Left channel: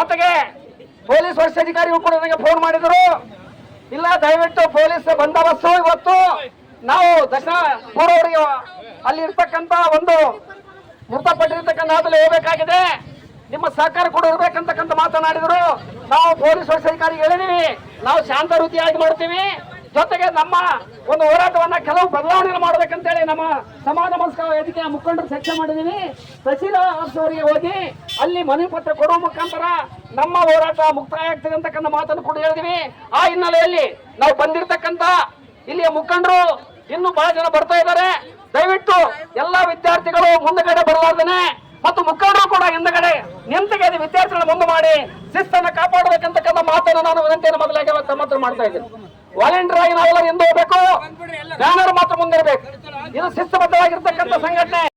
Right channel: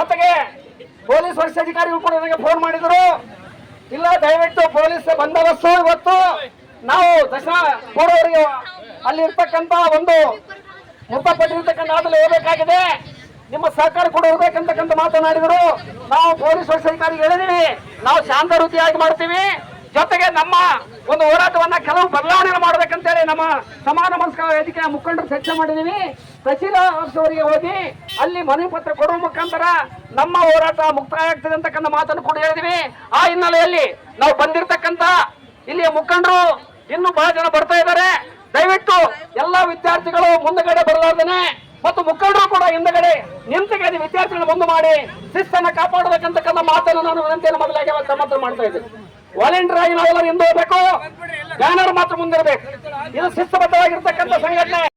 ಜೊತೆಗೆ ಪೊಲೀಸ್ ವರಿಷ್ಠಾಧಿಕಾರಿಗಳು ಕೂಡ ನನಗೆ ಫೋನ್ ಮಾಡಿದ್ರು, ಇಲ್ಲ ದಯವಿಟ್ಟು ಪೊಲೀಸ್ ಬಂದೋಬಸ್ತು ಇವತ್ತು ನಾವು ದರ್ಶನ ಪೂರ್ವವರಿಗೆ ಅಲ್ಲಿ ಇರ್ತಕ್ಕಂತ ಒಂದು ಮೃತಪಟ್ಟಿರ್ತಕ್ಕಂಥ ಆದಲ್ಲಿ ಹೋಗಬೇಕಾಗಿದೆ, ನಿಮ್ಮ ಸಹಕಾರ ಕೂಡ ಇರ್ಬೇಕಂತಕ್ಕಂಥ ಮಾತನಾಡಿದ್ರು. ನಾವು ಪೊಲೀಸ್ ವರಿಷ್ಠಾಧಿಕಾರಿ ಹೇಳಿದೀವಿ, ನಾವು ಶಾಂತ ರೀತಿಯಾಗಿ ಮಾಡ್ತೀವಿ, ಜೊತೆಗೆ ನಮ್ಮ ಒಂದು ಹೋರಾಟವನ್ನ ಕೆಲವು ಬದಲಾವಣೆ ಮಾಡಬೇಕಂತೇಳಿ ನಮ್ಮ ಸಮಾನ ಮನಸ್ಕ ವೇದಿಕೆಯ ಮುಖಂಡರು ಚರ್ಚೆ ಮಾಡಿದೀವಿ. ತಹಸೀಲ್ದಾರ್ ಅವರಿಗೆ ಹೋಗಿ ಅಲ್ಲಿ ಮನವಿ ಪತ್ರ ಕೊಡುವ ಮುಖಾಂತರ ನಮ್ಮ ಹೋರಾಟ ಮುಕ್ತಾಯ ಆಗ್ತದೆ ಅಂತಕ್ಕಂಥ ಮಾತನ್ನು ಕೂಡ ಹೇಳಿದೀವಿ. ಆ ಹಿನ್ನೆಲೆಯಲ್ಲಿ ನಾವು ಬಂದಿರತಕ್ಕಂತ ಇಲ್ಲಿಯ ಮುಖಂಡರು ಇನ್ನು ಬಹಳ ಜನ ಬರ್ತಾ ಇದ್ದಾರೆ. ದಯವಿಟ್ಟು ಎಲ್ಲಾ ವಿದ್ಯಾರ್ಥಿಗಳು ಮುಂದಗಡೆ ಬರಲಾರ್ದನೆ ಮತ್ತು ಮುಖಂಡರು ಕೂಡ ಹಿಂದಗಡೆ ನಿಂತುಗೆ ವಿದ್ಯಾರ್ಥಿಗಳ ಮುಂದೆ ಮಾಡಿ ಶಿಸ್ತನ್ನ ಕಾಪಾಡಬೇಕಂತಕ್ಕಂಥ ಮಾತನ್ನು ನಾನು ವಿನಂತಿಯನ್ನು ಮೊದಲಾಗಿ ಮಾತ್ರ ಮಾಡ್ತಾ ಇದ್ದೀನಿ. ವಾಲಂಟಿಯರ್ ಆಗಿ ನಾವೆಲ್ಲರೂ ಹಿಂದೆ ಹೋಗ್ಬೇಕು, ಬ್ಯಾನರ್ ಮಾತ್ರ ಮುಂದಿರಬೇಕು. ಇದು ಶಿಸ್ತುಬದ್ಧವಾಗಿರ್ತಕ್ಕಂಥ ಸಂಘಟನೆ.